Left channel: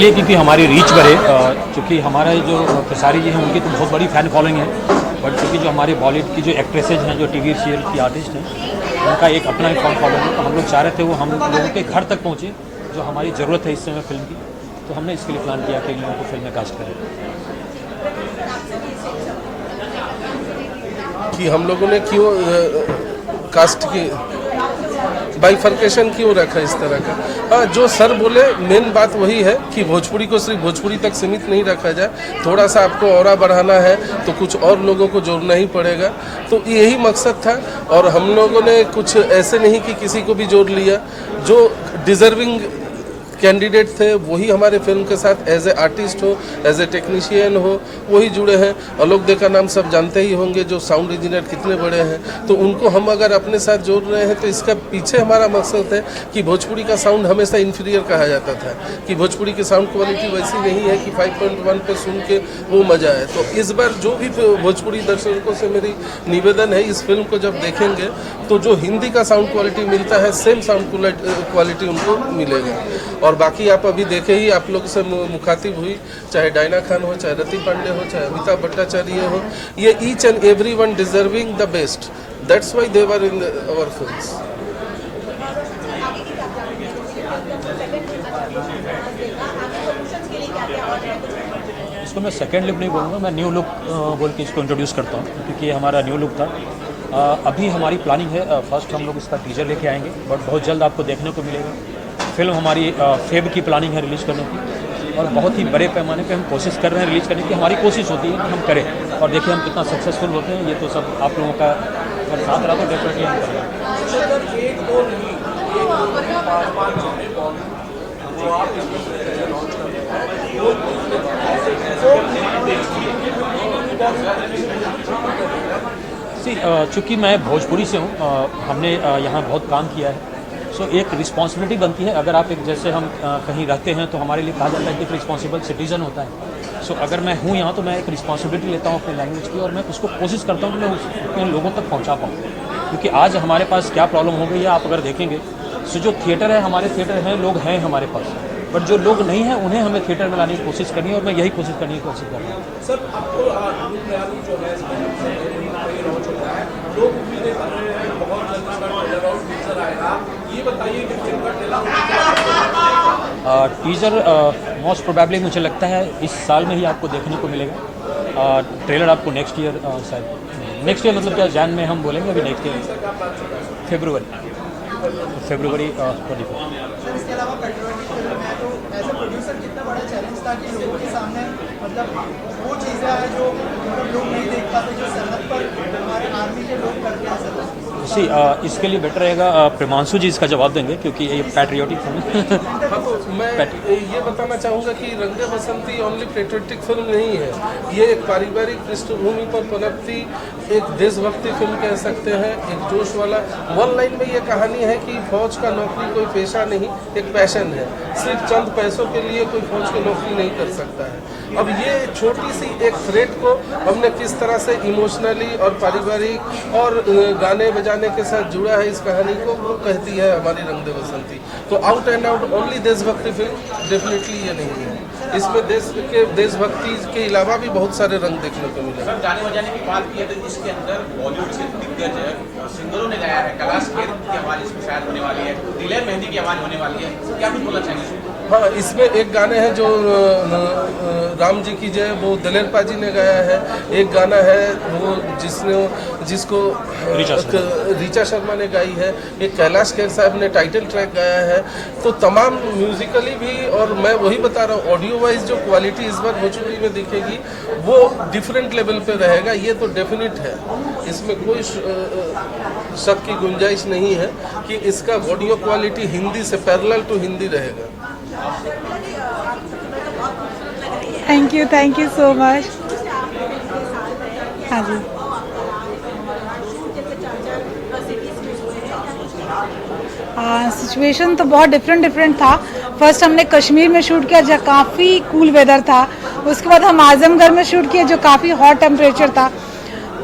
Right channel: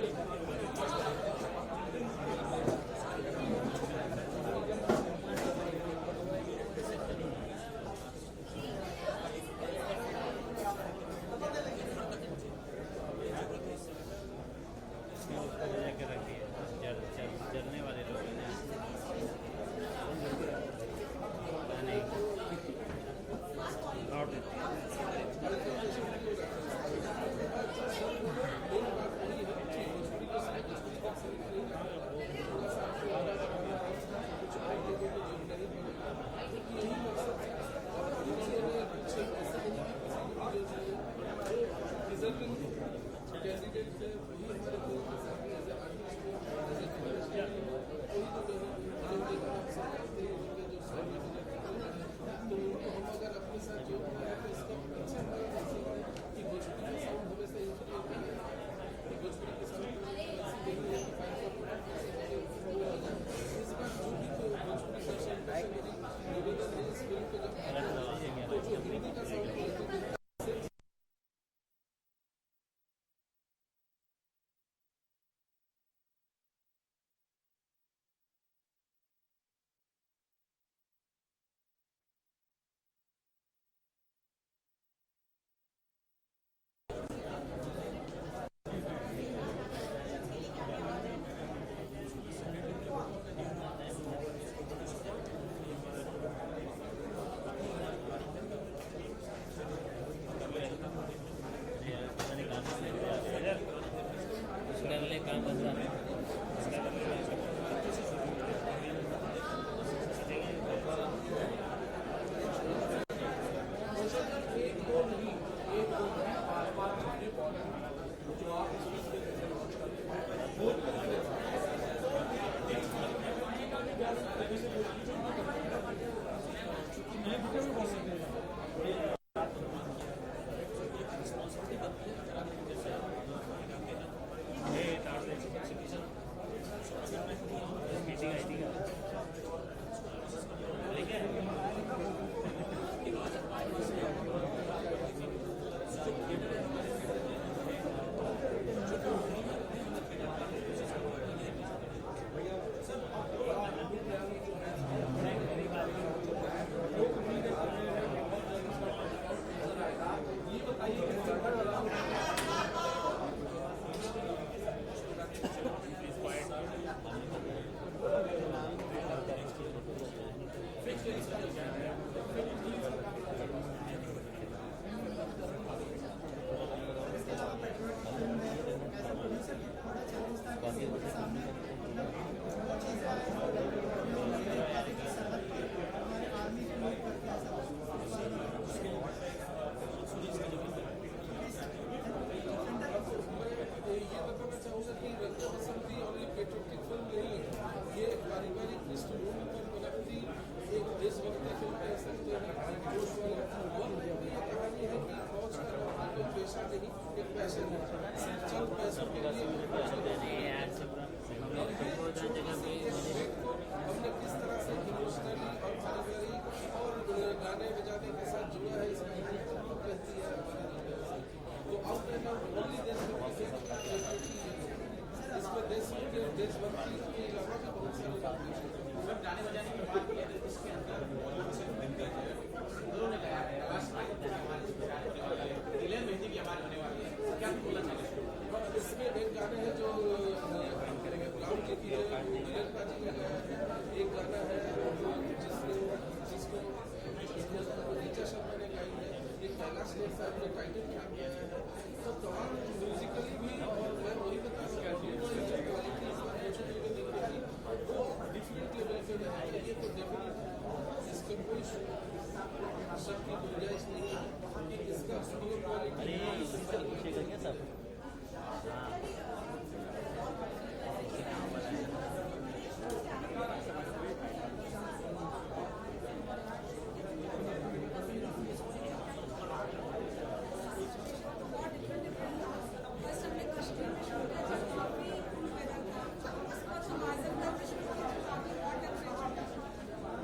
इसलिए क्योंकि हमारी रीच बढ़े, क्योंकि हमारा जो खेसारी जी हैं उनकी तो बहुत बड़ी फ़ैन फॉलोइंग है, बट क्योंकि जो हमारे बॉलीवुड की जो एक्ट्रेसेज हैं, जो टीवी सीरियल की आर्टिस्ट हैं, उनका एक अपना ही फैन फॉलोइंग है। तो हम लोग चाह रहे थे वो हम लोगों के घर तक पहुँचे, जो हमारी ज़रूरत है इस समय फिल्म की। तो हमने इसके लिए प्लान किया कि इन लोगों को फिल्म में कास्ट करें। कि हम लोगों ने क्यों कास्ट की बाइफर्केशन क्यों रखा इस तरह का। हाँ, जो सर बोले मेन बात वही है कि भोजपुरी को सिर्फ भोजपुरी तक सीमित नहीं रखा जाए, थोड़ा सा आपको और बढ़ाना है तो कुछ और लोगों को जोड़ना ही पड़ेगा। तो यही मकसद था और हम लोगों ने कुछ ऐसे नहीं कि किसी को भी जोड़ लिया, जो डिज़र्विंग कैंडिडेट थे वही हमारे फिल्म के साथ एज ए आर्टिस्ट हो, एज ए टेक्नीशियन हो, वही जुड़े हैं। आलोक दे का नाम सब जानते ही होंगे, जो साउंड इंजीनियर कितने बड़े हैं। तो उनको हम अगर अपने साथ जोड़ रहे हैं तो इसका पीछे हमारा मकसद है कि भोजपुरी का साउंड हमेशा इन्फीरियर कहा जाता था, कि भोजपुरी की साउंड क्वालिटी वैसी नहीं है कि 5.1 पे सुन के वो मज़ा आए। तो इस बार जो भी भोजपुरी दर्शकों से मेरी निवेदन है, इस फिल्म को जब देखेंगे तो जो हिंदी का साउंड क्वालिटी मिलता है सेम साउंड क्वालिटी उनको मिलेगा। और बाकी आप अभी देखे ही, आप लोग से मुखातिब हुई, चाहे डायना खान हो, चाहे रति पांडे हो, चाहे अमिताभ भट्टाचार्य हो, ये each and every one deserving the best, that's why they were in our films. इसको मैं सेकेंड लुक नहीं बोलूँगा, मैं न्यू लुक बोल के इसको इंट्रोड्यूस करता हूँ, क्योंकि ये हमारा न्यू लुक था। अभी हमारी प्लानिंग है, फर्स्ट हम लोग इसका टीजर लेके आएंगे, बट बहुत जल्द आपको देखने को मिलेगा। फिल्म हमारी फेब की प्लानिंग है रिलीज़ करने की, और बहुत ही बड़े पैमाने पे हम कोशिश कर रहे हैं रिलीज़ करने की। हमारी कोशिश होती है कि हम करें, और देखिए हम कितना सक्सेसफुल होते हैं। ये तो सब आप लोगों का अगर साथ रहा तो डेफिनेटली हम करेंगे। चूँकि मैं भोजपुरी से हूँ, हमने यहाँ बहुत काम किया है, सो एक रिस्पॉन्सिबिलिटी बनती है। अगर आप एक जैसे हम कहीं रहते हैं तो हमारे लिए कहा जाता है कि एक रिस्पॉन्सिबल सिटीज़न होता है। सो अगर मैं हूँ यहाँ तो मैं एक रिस्पॉन्सिबिलिटी लेता हूँ अपने लैंग्वेज की, और मैं उसको कोशिश करता हूँ कि मैं अपने लोगों तक पहुँचा पाऊँ। क्योंकि आज हमारे पास क्या प्रॉब्लम हो गई है आप अगर देखेंगे, सो जो थिएटर है, हमारे थिएटर हैं, लोग हैं हमारे पास, बट जो लोग नहीं हैं उन्हें हमें थिएटर में लाने की कोशिश करनी है, और मैं यही कोशिश करने की कोशिश कर रहा हूँ। सर, आपको जो है लोग उम्मीदें कर रहे हैं बहुत जल्द टीजर आएगा, ये बताइए कि फिल्म का टीजर मोस्ट प्रोबेबली मुझे लगता है इस साल में ही आपको देखने को मिलेगा। ट्रेलर आपको नेक्स्ट ईयर, शायद नेक्स्ट ईयर मतलब क्या, जैन में हम बोलेंगे, अभी नेक्स्ट ईयर फरवरी 24। इसके अलावा पेट्रियोटिक फिल्म है, तो एज ए प्रोड्यूसर कितना बड़ा चैलेंज था कि लोगों के सामने मतलब वो चीज़ें हैं जो लोग नहीं देख पाते, जो सरहद पर हमारे आर्मी के लोग करते हैं सर। इसके लिए बेटर रहेगा प्रेमांशु जी इसका जवाब देंगे, क्योंकि ये पैट्रियोटिक फिल्म हाँ, तो मैं ये बताना चाहूँगा कि रंग दे बसंती ओनली पेट्रियोटिक फिल्म नहीं है, ये एक पारिवारिक पृष्ठभूमि पर पनपती एक देशभक्ति फिल्म कह सकते हैं, एक जोश वाला। वन लाइन में ये कहानी है कि फौज का नौकरी कोई पेशा नहीं, एक पैशन है। सिर्फ चंद पैसों के लिए कोई फौज की नौकरी नहीं कर सकता है। अब ये छोटी सी एक थ्रेट को हमने किस तरह से इमोशनली और पारिवारिक और गाने बजाने के साथ जुड़ा है इस कहानी को, वो कहती है हमारी रंग दे बसंती। तो आउट एंड आउट ओनली देशभक्ति फिल्म डेफिनेटली ये नहीं है, इसमें देशभक्ति के अलावा भी बहुत सारे रंग देखने को मिले। सर, गाने बजाने की बात की है तो इसके अंदर बॉलीवुड के दिग्गज सिंगरों ने गाया है, कैलाश खेर की आवाज़ इसमें शायद होने वाली है, दिलेर मेहंदी की आवाज़ होने वाली है, क्या कुछ बोलना चाहेंगे? हाँ, इसमें एक गाने हैं जो राम जी की जय, वो दिलेर पाजी ने गाया है। एक गाना है वो जिसको रीचा शर्मा ने गाई है। एक कैलाश खेर साहब ने टाइटल ट्रैक गाया है। तो तमाम म्यूजिकली भी, और मैं वही बता रहा हूँ ऑडियो वाइज जो क्वालिटी इस बार भोजपुरी में दिखेगी वो डिफरेंट लेवल पे रहेगा, ये तो डेफिनेट है। इसमें कोई शक की गुंजाइश नहीं है कि इसका ऑडियो क्वालिटी हिंदी से पैरेलल टू हिंदी रहेगा। Thank you so much. हाँ जी, सिचुएशन तो बहुत डिफरेंट था। फर्स्ट हमने कश्मीर में शूट किया जहाँ काफ़ी कूल वेदर था, उसके बाद हम आजमगढ़ में शूट किया जो काफ़ी हॉट टेम्परेचर था।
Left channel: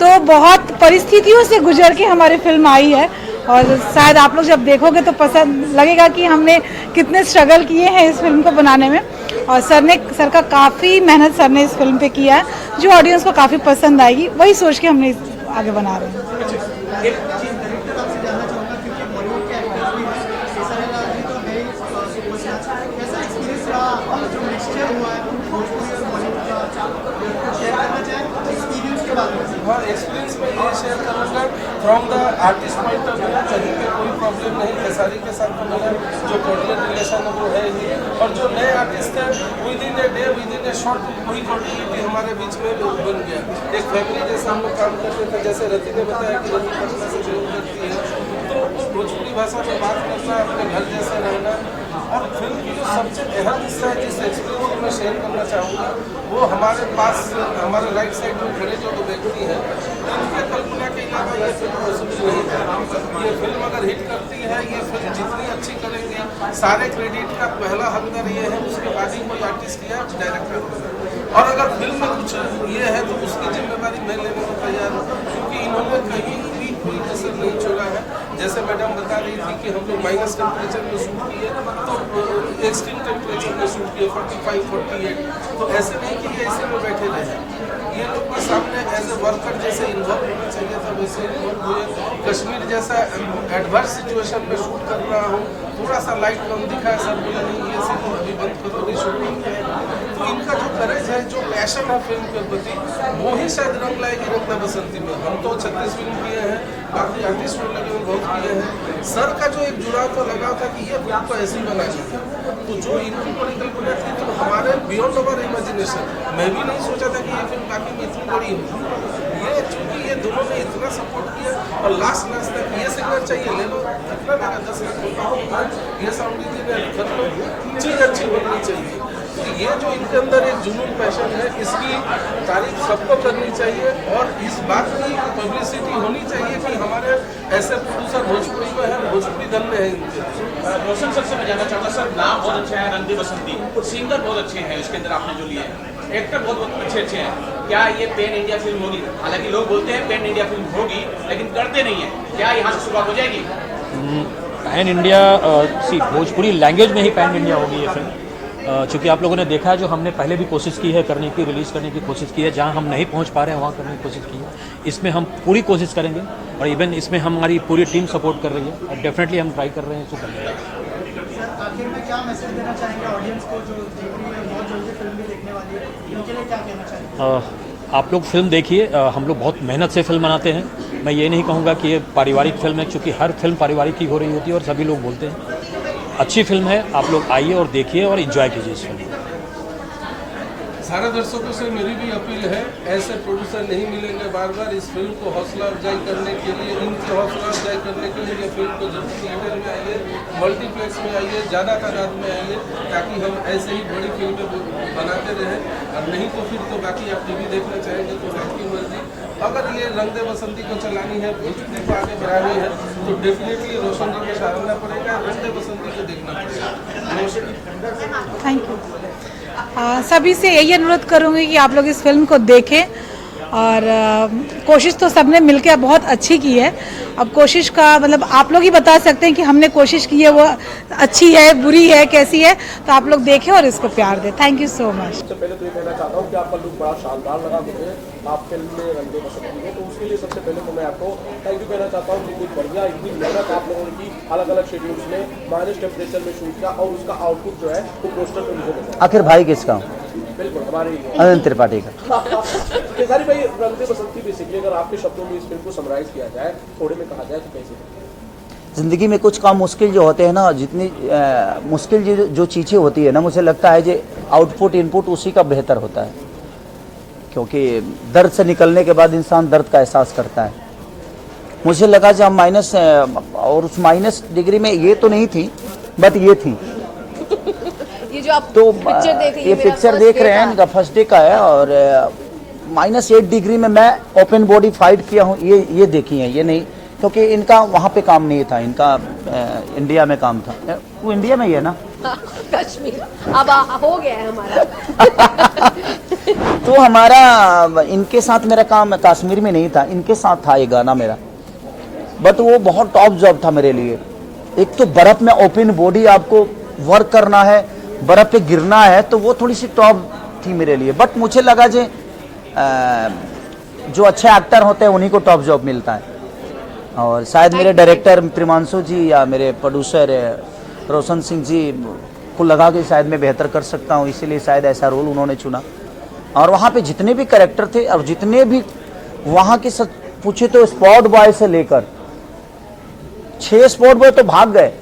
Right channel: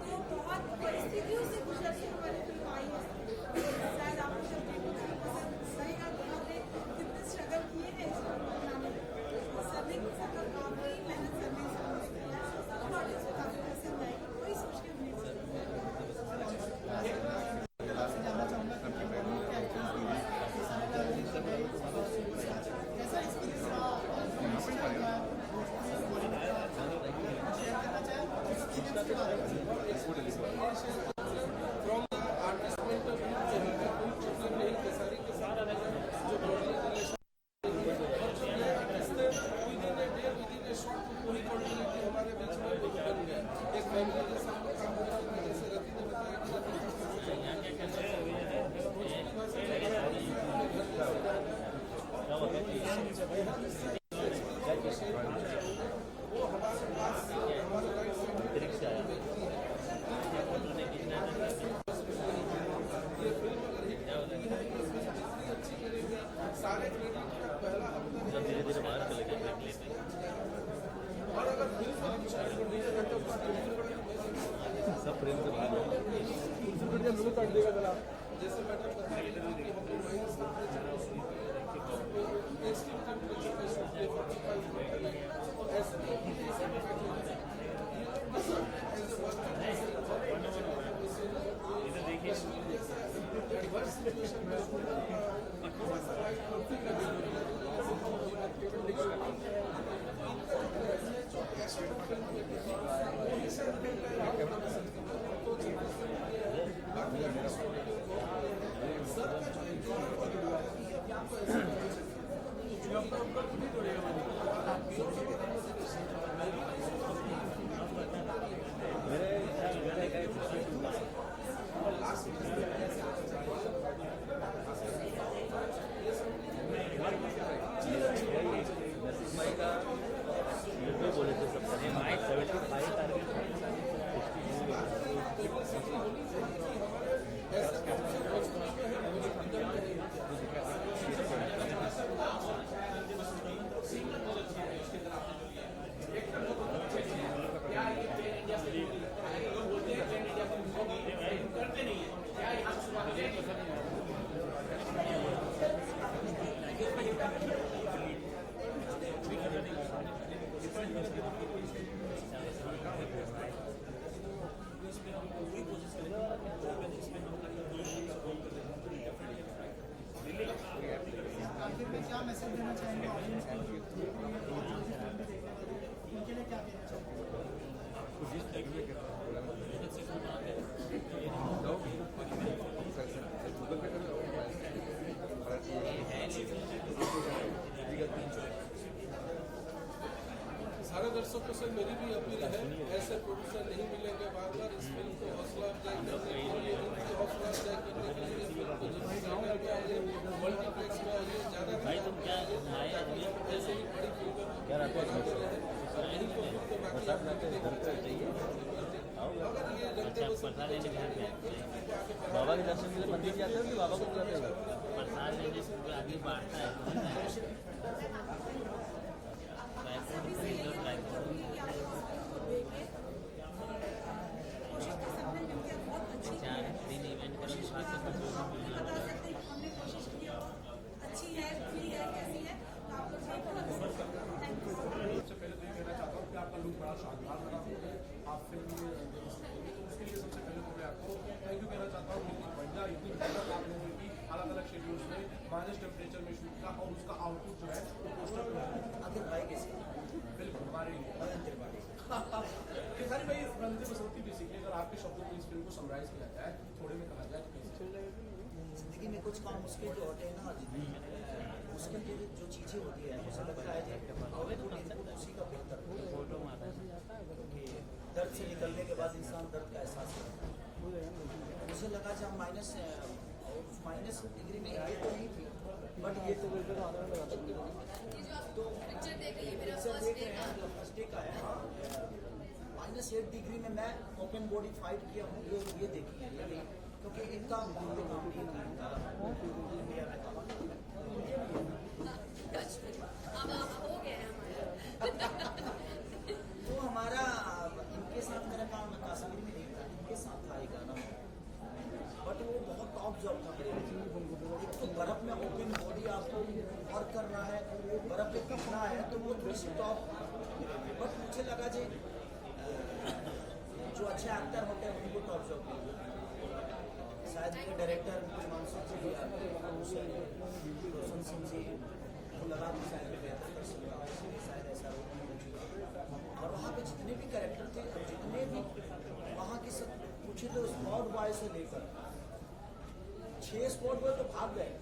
तो बहुत परिस्थितियों से गुजर के हमारी फिल्म आई है, और शायद आप लोग जब देखोगे तो पसंद लगेगा कि हमने कितने स्ट्रगल किए हैं इस फिल्म को बनाने में। और सर का काफ़ी मेहनत सर ने इस फिल्म पे किया है, जो ऑडियंस को काफ़ी पसंद आएगी, वही सोच के हमने आगे बना रहे हैं। एक चीज डायरेक्टर आपसे जानना चाहूँगा, क्योंकि बॉलीवुड के एक्टर्स भी हैं, केसरी लाल जी तो है ही सुपरस्टार, कैसा एक्सपीरियंस रहा जो मिक्सचर हुआ है भोजपुरी और बॉलीवुड का, शेयर करना चाहें एक्सपीरियंस के बारे में? हाँ, एक्सपीरियंस में ये शेयर करूँगा from the artist point of view, कहीं पे कोई प्रॉब्लम नहीं, खेसारी के साथ तो मेरा जो कोऑर्डिनेट रिलेशन है वो है ही, और जो नए आर्टिस्ट हैं with in a day with in A short वही कॉर्डिनेटी हमारे बीच में बन गया। एक फैमिली जैसा हम लोग काम करते थे, जैसे रति ने बताया कि रति पटना से बिलोंग करती है, तो वो भोजपुरी भाषा में बात करना, अपने घर जैसा रहना, और फिल्म की जो सबसे अहम हिस्सा है जिस एक्सपीरियंस को मैं शेयर करना चाहूँगा, वो हमारे पास हमारे राइट साइड में खड़े जो व्यक्ति हैं, उनके कल्पना के अलावा ये फिल्म पॉसिबल नहीं है। ये फिल्म अगर हिट करती है, ये फिल्म जितनी अच्छी करेंगे, सारे क्रेडिट का पहला हकदार ये है, उसके बाद ही कोई आर्टिस्ट या डायरेक्टर, और अगर फिल्म में कुछ ये है तो उसकी जिम्मेदारी मैं लेने को तैयार हूँ, क्योंकि इन्होंने कहीं भी कोई कसर नहीं छोड़ा है। जैसे मैडम बता रही थी कि हम लोग माइनस टेम्परेचर में शूट किए, तो एक्सट्रीम टेम्परेचर में शूट किए 45, 48, तो ऐसे नहीं कि ये ऐसे में बैठे रहे, ये लोग के सामने एज ए वर्कर जैसे इन्वॉल्व होना चाहिए था, वैसे इन्वॉल्व हुए। कश्मीर जैसा एडवर्स सिचुएशन में शूट कर रहा हूँ, थोड़ा सा लाइट कम दिखा है, सर बोला नहीं ये सीन अभी बंद करो, रिशूटिंग है, तो इनका जो करेज है, जो पैशन है फिल्म के प्रति, वो ही शायद रंग लाएगी रंग द बसंती में। हम तो 36 फिल्म किए हैं, बाकी आर्टिस्ट लोग लगे हुए बहुत किए हैं, सर का जो एक जुड़ाव तो लगा था कि ये फिल्म तो ऐसी बनानी है, तो जो इनकी परिकल्पना थी तो हमारे बियॉन्ड अवर इमेजिनेशन, मैं भी नहीं सोचा था कि ये फिल्म बाकी में इतनी बड़ी होगी। ये चूंकि ये दोनों ने इतना सपोर्ट किया, और लास्ट तक ये सिंगर चाहिए ले लो, कितना लगा 10 लाख, ये साउंड इंजीनियर कर लो, चीज़ अच्छी बननी चाहिए। तो ये जो इनके अंदर एक जुनून पैशन है, इसकी तारीफ सबको करनी चाहिए, और इस बात की पब्लिसिटी होनी चाहिए कि हमारे ऐसे प्रोड्यूसर भोजपुरी में है, भोजपुरी दल में है इनके। रोशन सर से मैं जानना चाहता सर, नाम बहुत अच्छा है रंग दे बसंती, सिंगर बहुत अच्छे हैं इसके अंदर आपने जो लिए हैं, एक्टर बहुत अच्छे हैं, क्या ये पैन इंडिया फिल्म होगी? हालांकि लोग बोलते हैं पैन इंडिया फिल्म होगी, लेकिन करते नहीं है, क्या यहाँ से शुरुआत हो जाएगी? पैन इंडिया भोजपुरी लैंग्वेज में ही पैन इंडिया होगी ये फिल्म, चूँकि आप लोगों ने देखा है जो हमने पहले भी कोशिश की है करने की, रिलीज़ करने की कोशिश की है, जहाँ हम नहीं पहुँच पा रहे हैं वहाँ करने की कोशिश की है। इसमें हम पूरी कोशिश करेंगे, और इवन इसमें हमारी पूरी टीम सपोर्ट कर रही है, और डेफिनेटली हम ट्राई कर रहे हैं इसको करने का। सर आखिर में क्या मैसेज देना चाहेंगे ऑडियंस को जो देख रही है, बहुत जल्दी फिल्म भी देखने वाली है, इनके लिए क्या कहना चाहेंगे? आप लोग फिल्म देखिए, हम लोग बहुत मेहनत से फिल्म बनाते हैं। मैं ये नहीं कहूँगा कि ये पारिवारिक फिल्म है, क्योंकि हर फिल्म पारिवारिक ही हो रही होती है और सभी लोग बोलते हैं। अच्छी फिल्म है, आप लोग आइए और देखिए और एंजॉय कीजिए इस फिल्म को। सारे दर्शकों से मेरी भी अपील है, ऐसे प्रोड्यूसर नहीं मिलेंगे बार बार। इस फिल्म को हौसला अफजाई करने के लिए, इनकी हौसला अफजाई करने के लिए ये फिल्म को जरूर थिएटर में आइए, मल्टीप्लेक्स में आइए, ज़्यादा तादाद में आइए, ताकि हम ऐसे ही बड़ी फिल्में बनाते रहें। और नहीं तो फिर तो बाकी आप टीवी देखना चाहेंगे तो आपकी मर्जी। अगर ये रंग दे बसंती को चलानी है, भोजपुरी को आगे बढ़ानी है, तो डेफिनेटली रोशन जी को सराहना पड़ेगा, रंग दे बसंती को देखना पड़ेगा। Thank you. सभी से यही अनुरोध करूँगी कि आप लोग इस फिल्म को देखें, और कोशिश तो सबने मिलकर बहुत अच्छी की है। अब कोशिश का मतलब आप लोग ही बता सकते हैं कि हमने कोशिश की है वो अच्छी है, बुरी है, कैसी है, तो आप लोग देखें और इसको प्यार दें। Thank you so much. सबसे पहले तो ये कहना चाहता हूँ कि आपका लुक बड़ा शानदार लगा मुझे, आप फिल्म में रंग दे बसंती में, तो उसके लिए सबसे पहले तो मैं आपको थैंक यू कहना चाहता हूँ कि कुछ बढ़िया इतनी मेहनत आप लोगों ने की, अलग अलग शेड्यूल्स में माइनस टेम्परेचर में शूट किया, और उसका आउटपुट जो है वो पोस्टर पे मुझे मिला। आखिर भाई किसका? बिल्कुल हमारी अनंत त्रिपाठी का। केसारी भाई, रंग दे बसंती बेसिकली अगर आपके शब्दों में इस फिल्म को समराइज किया जाए, थोड़े में कहा जाए तो कैसे? ज़िंदगी में कुछ काम मुश्किल जो होते हैं ना, जितनी मुश्किल जो चीज़ें होती है ना, मुझे लगता है जो आउटपुट इनपुट उसी का बेहतर होता है, क्योंकि दर्द से निकलने के बाद इंसान दर्द का एहसास करता है। मुझे लगा जब माइनस, और उस माइनस डिग्री में ये तो नहीं थी, बट ये थी। ये जो आप तो पिक्चर देख रही ये पिक्चर देख रहे हैं, इनका फर्स्ट डे का है, और -8 डिग्री में मैं ओपन बॉडी फाइट किया हूँ, ये देखी है, ये नहीं, क्योंकि इनका वहाँ पे काम नहीं था, इनका इंडिया में काम था। वो इंडिया में ही है ना? कश्मीर अब हो गया है हमारा। तो हमारा इनके साथ मेरा काम कश्मीर में नहीं था, इनके साथ था ये गाना मेरा, बट वो बहुत टॉप जॉब था मेरे लिए। एक तो बर्फ में ओपन बॉडी आपको वर्क करना है, बर्फ पे गिरना है, तो वो थोड़ी सी टॉप थी मेरे लिए। बट मुझे लगा जो जो अच्छे एक्टर होते हैं उन्हीं को टॉप जॉब मिलता है, और शायद मेरे डायरेक्टर प्रिमांशु जी या मेरे प्रोड्यूसर रोशन सिंह जी को लगा कि शायद मैं बेहतर कर सकता हूँ, इसीलिए शायद ऐसा रोल उन्होंने चुना। और वहाँ पे जितने भी कैरेक्टर थे और जितने भी वहाँ के सच पूछे तो स्पॉट बॉय से लेकर 6 स्पॉट बॉय तो भाग गए,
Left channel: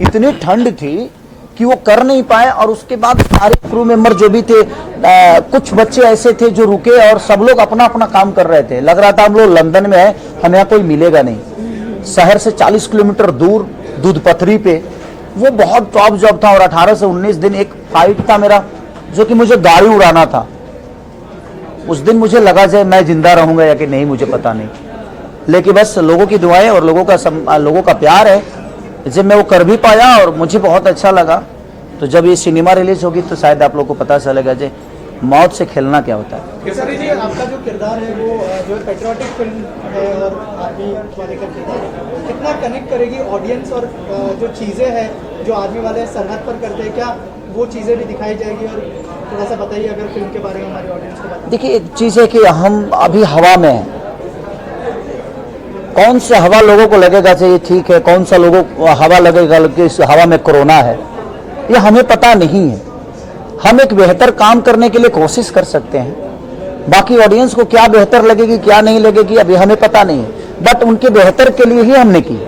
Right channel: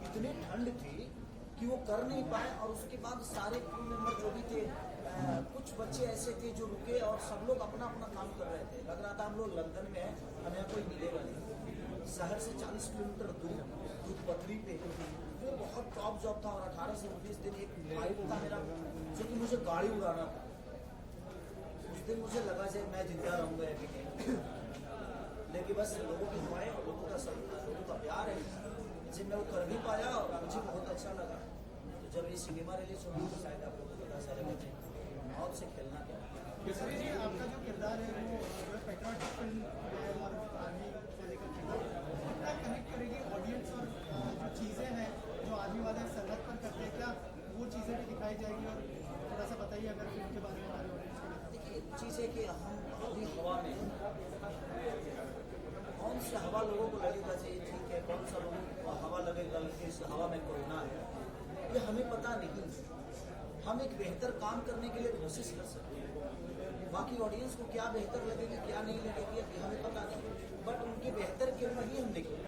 इतनी ठंड थी कि वो कर नहीं पाए। और उसके बाद सारे क्रू मेंबर जो भी थे, कुछ बच्चे ऐसे थे जो रुके और सब लोग अपना अपना काम कर रहे थे। लग रहा था हम लोग लंदन में है, हमें यहाँ कोई मिलेगा नहीं। शहर से 40 किलोमीटर दूर दूधपथरी पे, वो बहुत टॉप जॉब था। और 18 से 19 दिन एक फाइट था मेरा, जो कि मुझे गाड़ी उड़ाना था। उस दिन मुझे लगा जाए मैं जिंदा रहूंगा या कि नहीं, मुझे पता नहीं, लेकिन बस लोगों की दुआएं और लोगों का प्यार है, जब मैं वो कर भी पाया और मुझे बहुत अच्छा लगा। तो जब ये सिनेमा रिलीज होगी तो शायद आप लोग को पता चलेगा जे मौत से खेलना क्या होता है। केसरी जी, आपका जो किरदार है वो जो पेट्रियोटिक फिल्म है और आर्मी वाले का किरदार है, कितना कनेक्ट करेगी ऑडियंस, और जो चीज़ें हैं जो आर्मी वाले सरहद पर करते हैं, क्या वो चीज़ें भी दिखाई जाएगी? और थोड़ा सा बताइए अगर फिल्म के बारे में हमारी ऑडियंस को बताइए। देखिए, एक चीज़ है कि हम अभी हवा में हैं, कौन सा हवा लोगों को लगेगा चाहिए ठीक है, कौन सा लोगों को हवा लगेगा कि इस हवा में कोरोना है, ये हमें पता नहीं है। हम एक बेहतर काम करने के लिए कोशिश कर सकते हैं, बाकी ऑडियंस को क्या बेहतर लगेगी क्या नहीं लगेगी अभी हमें पता नहीं है, बट उनके बेहतर के लिए ही हमने की।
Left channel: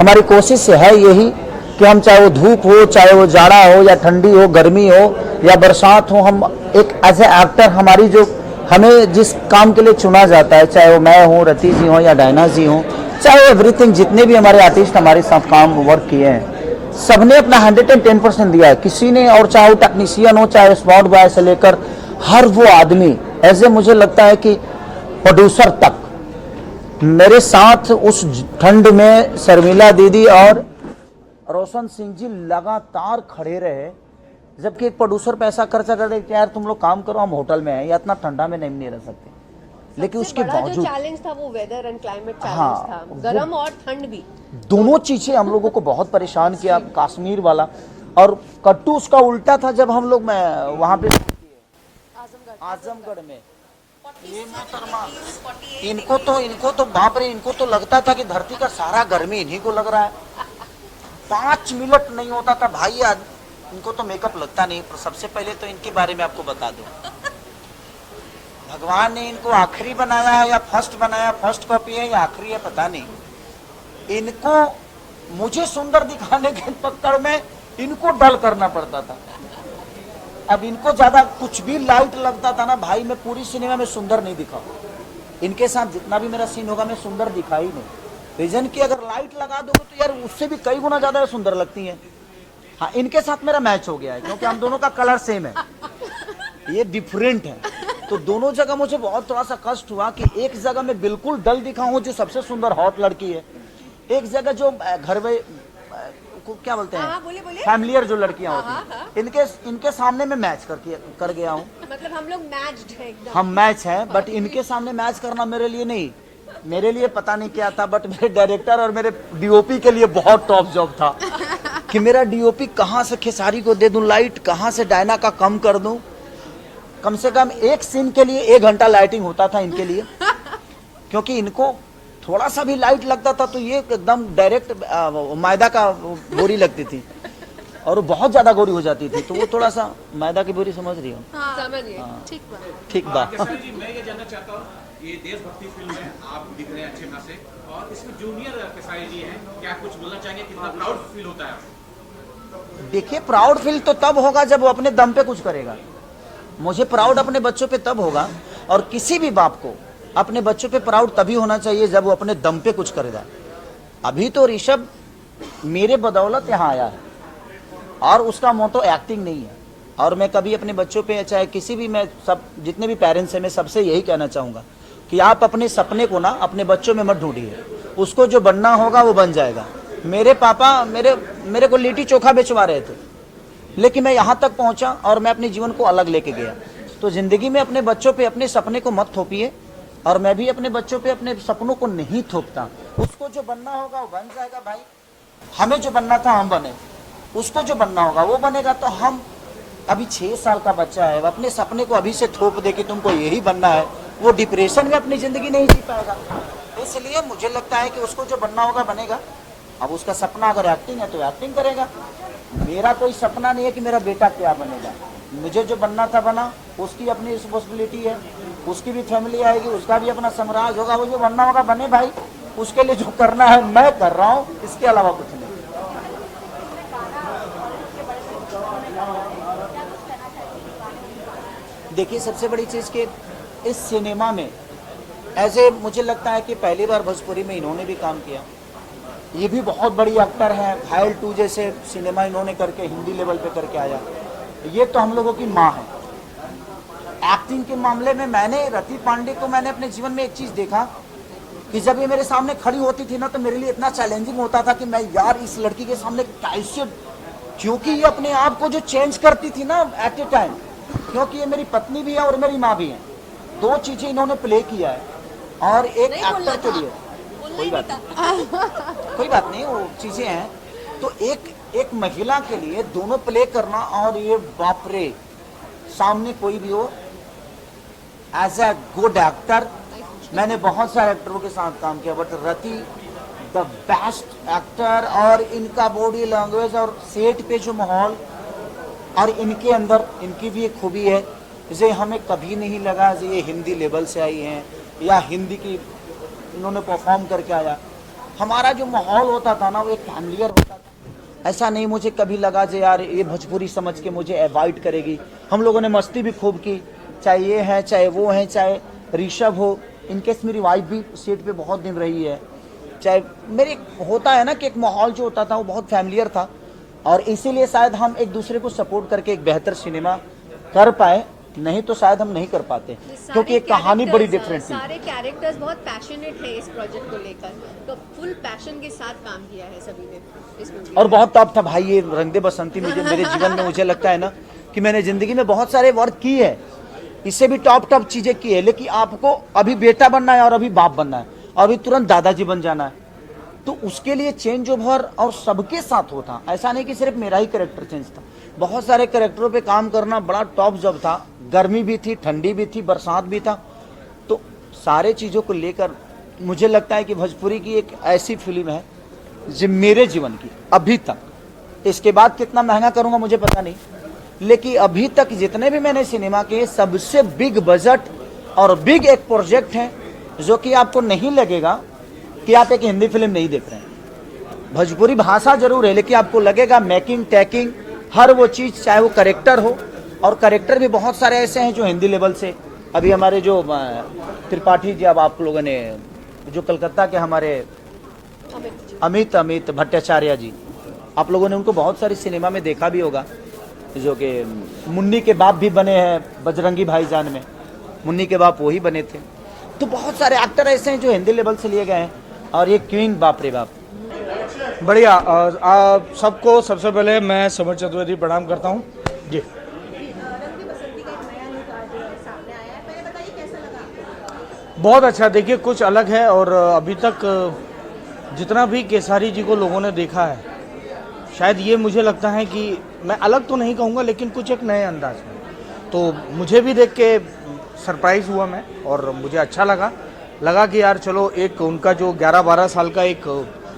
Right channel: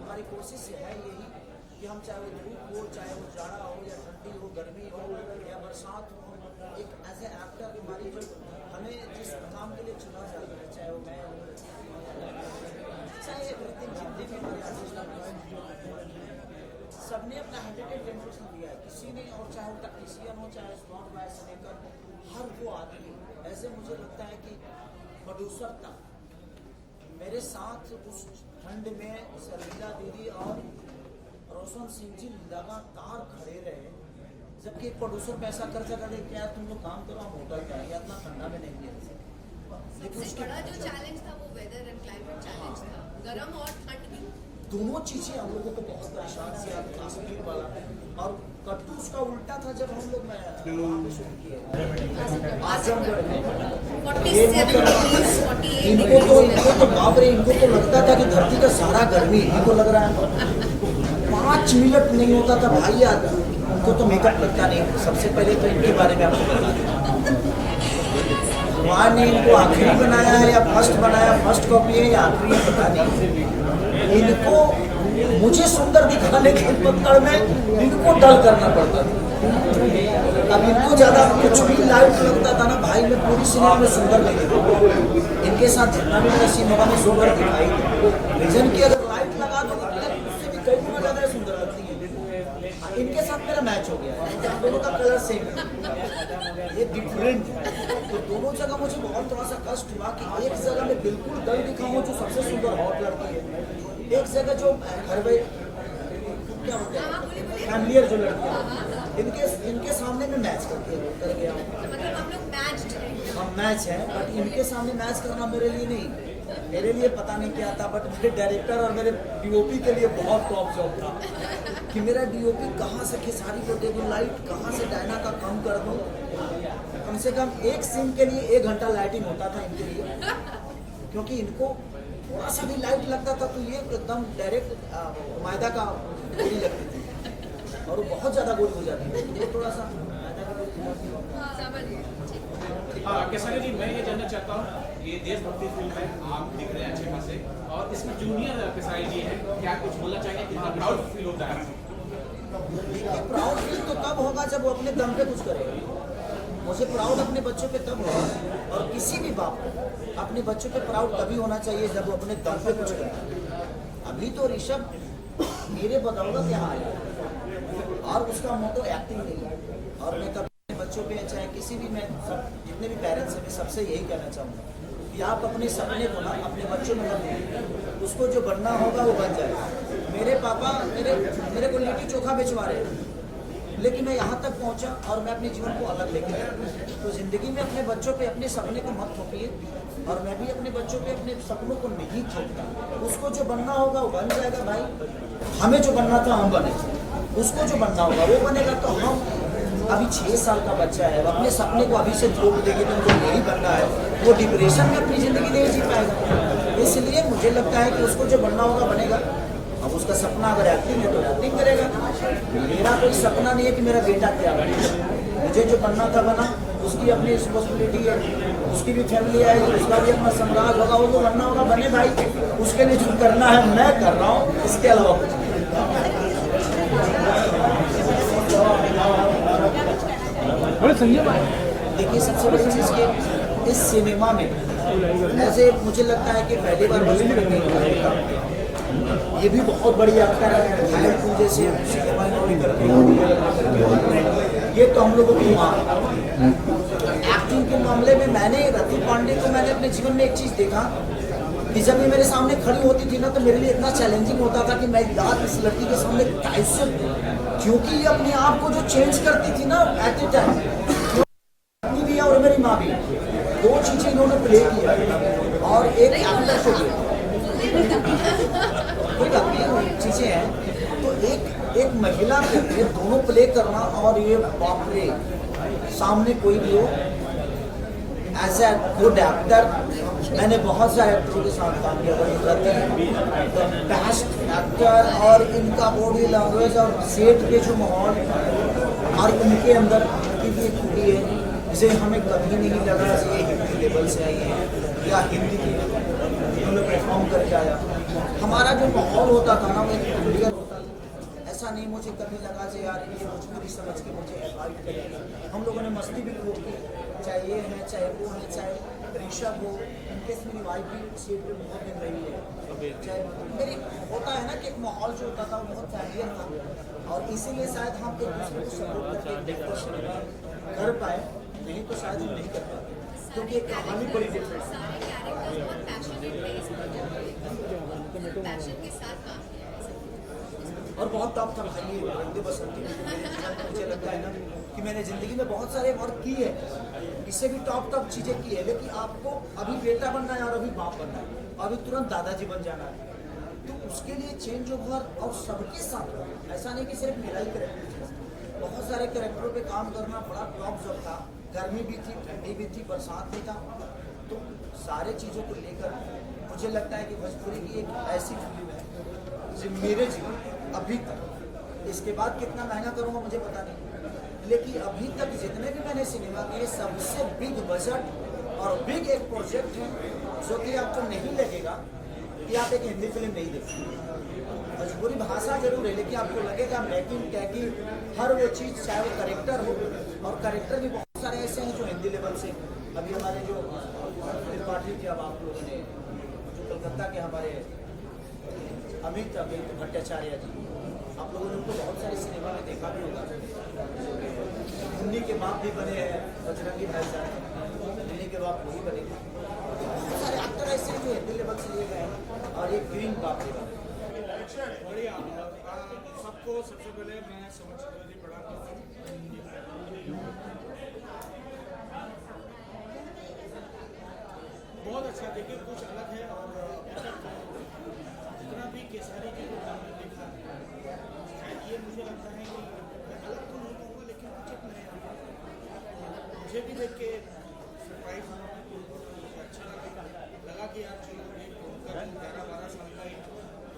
हमारी कोशिश है यही कि हम, चाहे वो धूप हो, चाहे वो जाड़ा हो या ठंडी हो, गर्मी हो या बरसात हो, हम एक एज ए एक्टर हमारी जो हमें जिस काम के लिए चुना जाता है, चाहे वो मैं हूँ, रति जी हो या डायना जी हो, चाहे एवरीथिंग, जितने भी हमारे आर्टिस्ट हमारे साथ काम वर्क किए हैं, सबने अपना 110% दिया है। किसी ने, और चाहे वो टेक्नीशियन हो, चाहे स्पॉट बॉय से लेकर हर वो आदमी, ऐसे मुझे लगता है कि प्रोड्यूसर तक मेरे साथ उस ठंड में शर्मिला दीदी और रोशन सिंह जी लगातार खड़े रहे। जबकि एक प्रोड्यूसर पैसा खर्चा कर दे कि यार तुम लोग काम करो, हम होटल में हैं या इतना ठंडा में नहीं रह सकते, लेकिन उसके बावजूद जो चैलेंज था वो वेदर एंड क्लाइमेट चैलेंज हाँ, था, गर्म और ठंड भी, दोनों चीजें हम लोगों को बहुत परेशान किया। कश्मीर वाला और कट्टू उसका उल्टा था, जब हम लोग वहां पे इनको तो बाप रे, इनको तो लगता था कि धरती का सारा गर्मी इन्हीं को लग रहा है। 5 मिनट नहीं होता था भाई, यार इनको तो मेकअप लगता नहीं। सबसे पहले तो इनके बारे में आपको बता दें, भगवान ने इनको आखिरी बनाया है या फर्स्ट बनाया, फर्स्ट कॉपी है या आखिरी है पता नहीं। इनको मुझे सुंदर दिखाने के पकड़ में इनको डल करना पड़ता था। अब इनको ज्यादा कुछ भी लाइट लगता था ना भाई, मैं पूरी सिनेमा में सुंदर नहीं दिखा। इनके साथ जितना भी मेरा सीन होगा मैं सुंदर दिखाई, रीजन की अगर लाइट लगा दो यार उससे भी कई गुना ज्यादा सुंदर लगती है। हाँ, इनके साथ मेरा मैच हो गया है क्योंकि हम दोनों का कलर सेम है, ये डिफरेंट है। तो दोनों जगह मुझे बहुत थोड़ा सा कष्ट हुआ कि एक जगह मैं बिल्कुल डल दिखा हूँ जो सबसे सुंदर हॉट लड़की है, एक जगह जो घर में क्या बोलते हैं फैमिलियर जो लड़कियां होती हैं, इनके सामने में मैच कर गया हूँ। मतलब हम लोग मैच्ड हैं, हम मैच हैं, बट इनके सामने मैच करना मेरे लिए नहीं, मेरे लिए पता नहीं क्या था, बट मेरे डायरेक्टर और मेरे डीओपी के लिए बहुत टॉप जॉब था कि मेरा डीओपी कहाँ से खेसारी को दे दूं लाइट, कहाँ से डायना का कम कर दूं। कम से कम एक सीन के लिए 1 घंटा लाइटिंग होता था इनके लिए, क्योंकि इनको थोड़ा सा भी लाइट लगता था तो ये एकदम डायरेक्ट मैदा का बोरी लगती थी और बहुत ज्यादा गोरी हो जाती थी, तो वो थोड़ा सा मैदा की बोरी समझ रही हो। समझ गए, ठीक बात। केसरी जी, मैं ये जानना चाहता हूँ, ये देशभक्ति फिल्म है, आप दिख रहे हैं अच्छे खासे, और इसमें जूनियर केसरी जी है, क्या कुछ बोलना चाहेंगे, कितना प्राउड फील होता है? देखिए, प्राउड फील तो तब होगा जब वो अपने दम पे कुछ करेगा। मुझे प्राउड अपने बच्चों पे तब होगा, और किसी भी बाप को अपने बच्चों पे प्राउड तभी होना चाहिए जब वो अपने दम पे कुछ करेगा। अभी तो ऋषभ मेरे बदौलत यहाँ आया है और उसका मोटो एक्टिंग नहीं है, और मैं कभी अपने बच्चों पे चाहे किसी भी, मैं सब जितने भी पेरेंट्स हैं मैं सबसे यही कहना चाहूँगा कि आप अपने सपने को ना अपने बच्चों में मत ढूंढिए, उसको जो बनना होगा वो बन जाएगा। मेरे पापा मेरे को लिट्टी चोखा बेचवा रहे थे, लेकिन मैं यहाँ तक पहुँचा और मैं अपने जीवन को अलग लेके गया। तो जिंदगी में अपने बच्चों पे अपने सपने को मत थोपिए, और मैं भी अपने बच्चों पे अपने सपनों को नहीं थोपता। उसको जो बनना होगा वो बन जाएगा भाई, हमें जो बनना था हम बने। उसको जो बनना होगा वो बनेगा। तो हम अभी 6 साल का बच्चा है, वो अपने सपने को अभी से थोप दे कि तुमको यही बनना है, वो डिप्रेशन में अपनी ज़िंदगी नहीं जी पाएगा। इसलिए मुझे लगता है कि उसको जो बनना होगा बनेगा। अब उसका सपना अगर एक्टिंग है तो एक्टिंग करेगा। मेरा कोई सपना नहीं है कि मेरा बेटा क्या बने, मुझे जो बनना था बना, उसकी अपनी रिस्पॉन्सिबिलिटी है, उसकी भी फैमिली आएगी, उसका भी अपना साम्राज्य होगा, वो जो बनना होगा बने भाई। उसके लिए जो करना है मैं कर रहा हूँ, इसके अलावा कुछ नहीं। देखिए सबसे बड़ी चीज़ कि इस सिनेमा में ऐसे मुझे लगता है कि पहली बार भोजपुरी में इन्होंने काम किया। ये भी बहुत बड़ी एक्टर है, घायल 2 जैसे सिनेमा इन्होंने करके हिंदी लेवल पर करके आया। ये तो हम लोगों की माँ है। एक्टिंग के मामले में मैंने रति पांडे को मैंने अपने जीवन में एक चीज़ देखा कि जब ये मेरे सामने खड़ी होती थी ना, तो मेरे लिए इतना चैलेंजिंग होता था कि मैं यार इस लड़की के सामने कैसे, क्योंकि ये अपने आप को जो चेंज करती थी ना एट ए टाइम, क्योंकि ये मेरी पत्नी भी है और मेरी माँ भी है, 2 चीज़ें इन्होंने प्ले किया है। और एक एक्टर के लिए कोई बात नहीं, वो चीज़ें हैं। तो एक महिला के लिए दोनों प्ले करना, और ये बाप रे, सामने कोई भी हो एज ए गुड एक्टर। मैंने बहुत सारे एक्टरों के साथ काम किया, but Rati the best actor. और इनका बॉडी लैंग्वेज और सेट पे जो माहौल, और इनके अंदर इनकी भी एक खूबी है, इसे हमें कभी नहीं लगा कि ये हिंदी लेवल से आई हैं या हिंदी की इन्होंने परफॉर्म करके आया। हमारा जो माहौल होता था ना वो एक फैमिलियर होता था। ऐसा नहीं मुझे कभी लगा कि यार ये भोजपुरी समझ के मुझे अवॉइड करेगी। हम लोगों ने मस्ती भी खूब की, चाहे ये है चाहे वो है, चाहे ऋषभ हो, इनकेस मेरी वाइफ भी सेट पे बहुत दिन रही है, चाहे मेरी होता है ना कि एक माहौल जो होता था वो बहुत फैमिलियर था। और इसीलिए शायद हम एक दूसरे को सपोर्ट करके एक बेहतर सिनेमा कर पाए, नहीं तो शायद हम नहीं कर पाते, क्योंकि एक कहानी बड़ी डिफरेंट थी। सारे कैरेक्टर्स बहुत पैशनेट है इस प्रोजेक्ट को लेकर, तो फुल पैशन के साथ काम किया है सभी ने। और बहुत टॉप था भाई ये रंग दे बसंती। मुझे मेरे जीवन में मुझे लगता है ना कि मैंने जिंदगी में बहुत सारे वर्क किए हैं, इससे भी टॉप चीजें की है, लेकिन आपको अभी बेटा बनना है और अभी बाप बनना है और अभी तुरंत दादाजी बन जाना है, तो उसके लिए चेंज ओवर और सबके साथ होता। ऐसा नहीं कि सिर्फ मेरा ही कैरेक्टर चेंज था, बहुत सारे कैरेक्टरों पे काम करना बड़ा टॉप जॉब था। गर्मी भी थी, ठंडी भी थी, बरसात भी था। तो सारे चीज़ों को लेकर मुझे लगता है कि भोजपुरी की एक ऐसी फिल्म है जो मेरे जीवन की अभी तक, इसके बाद कितना महंगा करूँगा मुझे पता नहीं, लेकिन अभी तक जितने भी मैंने सिनेमा के सबसे बिग बजट और बिग एक प्रोजेक्ट है, जो कि आपको नहीं लगेगा कि आप एक हिंदी फिल्म नहीं देख रहे हैं। भोजपुरी भाषा जरूर है, लेकिन आपको लगेगा मेकिंग टेकिंग हर वो चीज़, चाहे वो करेक्टर हो, और करेक्टर भी बहुत सारे ऐसे हैं जो हिंदी लेवल से। अभी हमारे जो त्रिपाठी जी, अब आप लोगों ने जो कलकत्ता के हमारे अमित भट्टाचार्य जी, आप लोगों ने उनको बहुत सारी सिनेमा में देखा भी होगा, जो कि मुन्नी के बाप भी बने हैं बजरंगी भाईजान में, मुन्नी के बाप वही बने थे। तो बहुत सारे एक्टर ऐसे हैं जो हिंदी लेवल से लिए गए हैं, और ये क्वीन बाप रे बाप। बढ़िया। आप सबको सबसे पहले मैं समर चतुर्वेदी प्रणाम करता हूँ जी। बहुत अच्छा, देखिए कुछ अलग है, और अभी तक जितना भी केसारी जी को लोगों ने देखा है, शायद ये मुझे लगता है कि मैं अलग तो नहीं कहूँगा, लेकिन कुछ एक नए अंदाज में, तो मुझे भी देख के सरप्राइज़ हुआ मैं, और मुझे अच्छा लगा कि यार चलो एक उनका जो 11-12 साल का एक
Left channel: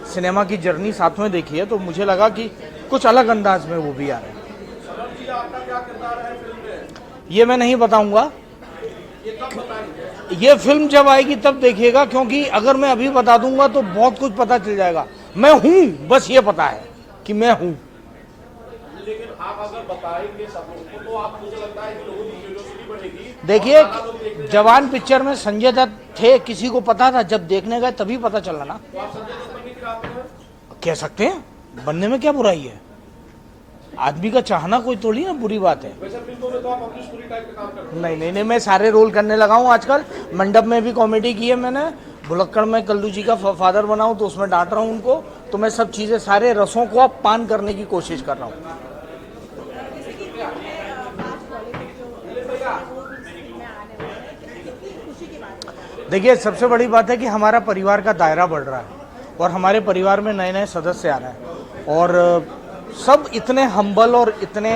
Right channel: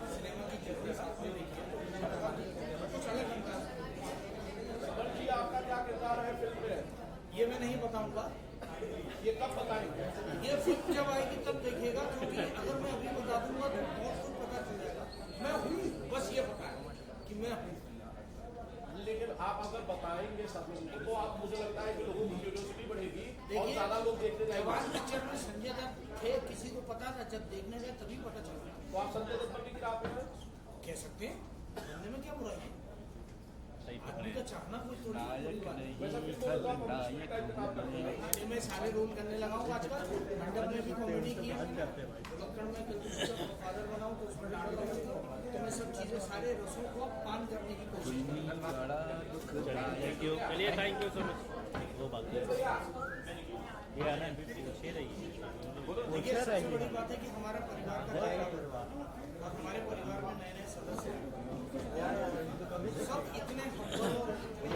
सिनेमा की जर्नी साथ में देखी है, तो मुझे लगा कि कुछ अलग अंदाज में वो भी आ रहे हैं। ये मैं नहीं बताऊंगा, ये फिल्म जब आएगी तब देखिएगा, क्योंकि अगर मैं अभी बता दूंगा तो बहुत कुछ पता चल जाएगा। मैं हूं, बस ये पता है कि मैं हूं। लेकिन आप अगर बताएंगे सब लोगों को, तो आप मुझे लगता है कि लोगों की क्यूरियोसिटी बढ़ेगी। देखिए जवान पिक्चर में संजय दत्त थे, किसी को पता था, जब देखने गए तभी पता चला ना। कह सकते हैं, बनने में क्या बुराई है, आदमी का चाहना कोई थोड़ी ना बुरी बात है। नहीं, मैं सारे रोल करने लगा हूँ आजकल। मंडप में भी कॉमेडी की है मैंने, भुलक्कड़ में कल्लू जी का फादर बना हूँ तो उसमें डांट रहा हूँ उनको। तो मैं सब चीज़ें, सारे रसों को अब पान करने की कोशिश कर रहा हूँ। देखिए सबसे बड़ी बात है कि हमारा परिवार का दायरा बढ़ रहा है, और हमारे परिवार में नए नए सदस्य आ रहे हैं, और सब इतने हम्बल और इतने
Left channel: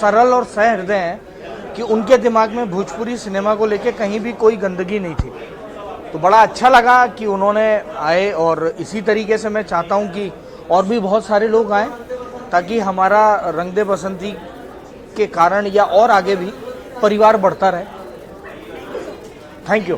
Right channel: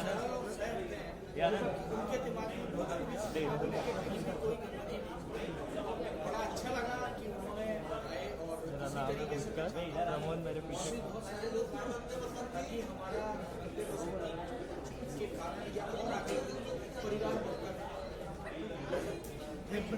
सरल और सहृदय हैं कि उनके दिमाग में भोजपुरी सिनेमा को लेके कहीं भी कोई गंदगी नहीं थी। तो बड़ा अच्छा लगा कि उन्होंने आए, और इसी तरीके से मैं चाहता हूं कि और भी बहुत सारे लोग आएँ, ताकि हमारा रंग दे बसंती के कारण या और आगे भी परिवार बढ़ता रहे। Thank you.